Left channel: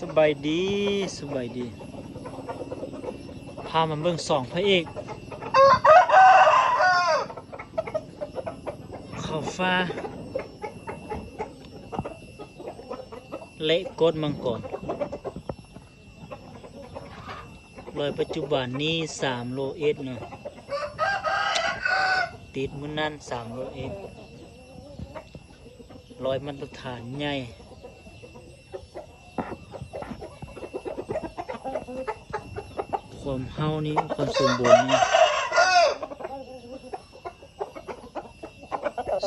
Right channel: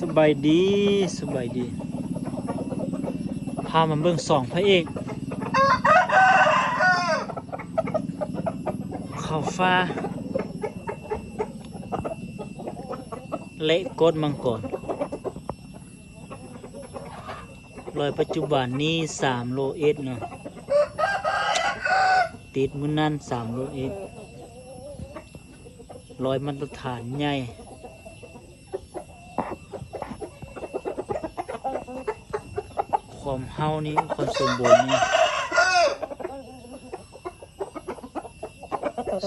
สบายดีสบายดีพามาเบิ่งสองพระเอกเขาฟ้าเละกดมังกรรอยปัจจุบันนี้3 โลเอสเนาะติดมื้อนั้น3 โลเอสรอยมาตรฐานใหญ่ความเฮานี่ความสมบูรณ์นี่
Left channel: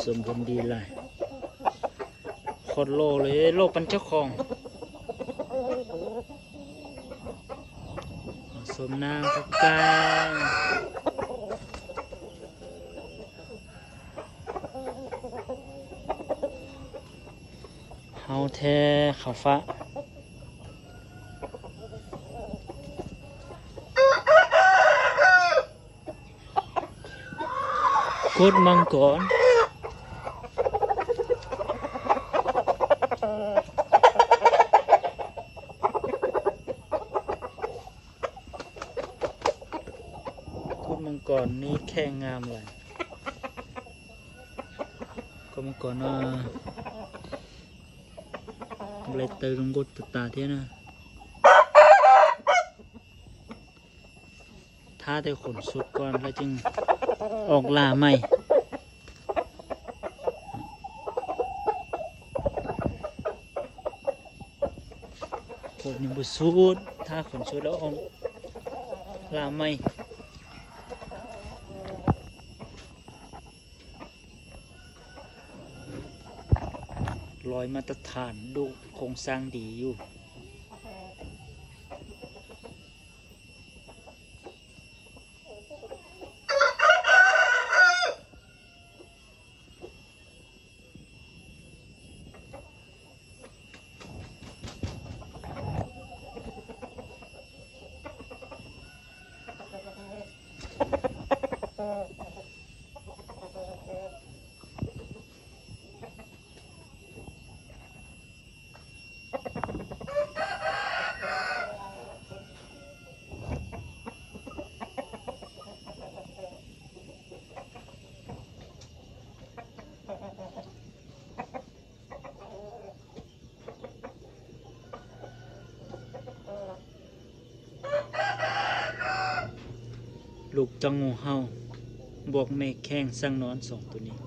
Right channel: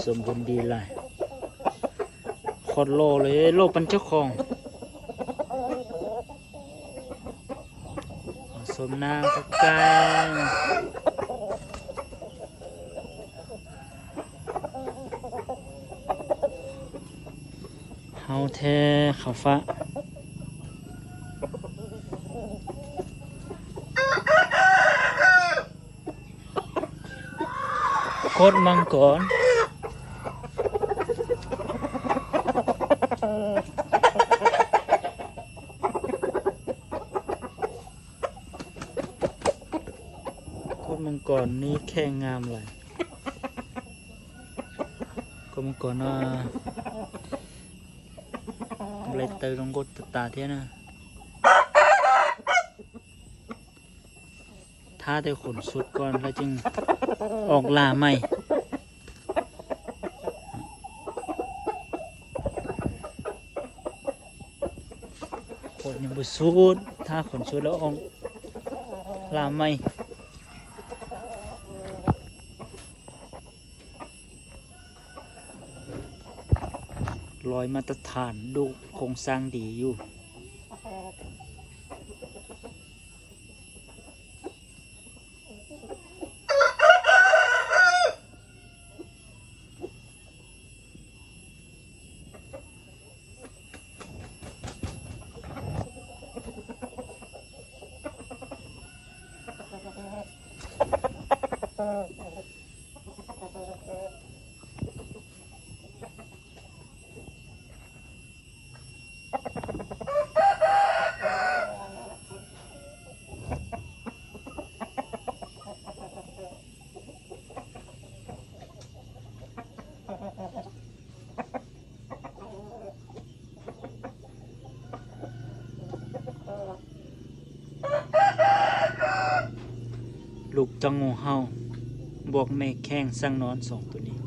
สมบูรณ์ดีเลยโคตรโลเลยโลเป็นเจ้าของสมนางตะแกรงเฮาแท้เขาฟ้ากดมังกรมังกรนี้แค่งามเลยก็มังกรเล็กเตยตรงกดตาเท่านะถ้าได้ขนสุดก่อนแล้วจึงออกล่าใหม่ขนยังบุสุดถ้าขนสุดแล้วออกล่าใหม่รอยมาตรฐานดูโครงสร้างดีอยู่ลูกจังงูเฮาบวกแม่แข้งสร้างนอน2 ตัวนี้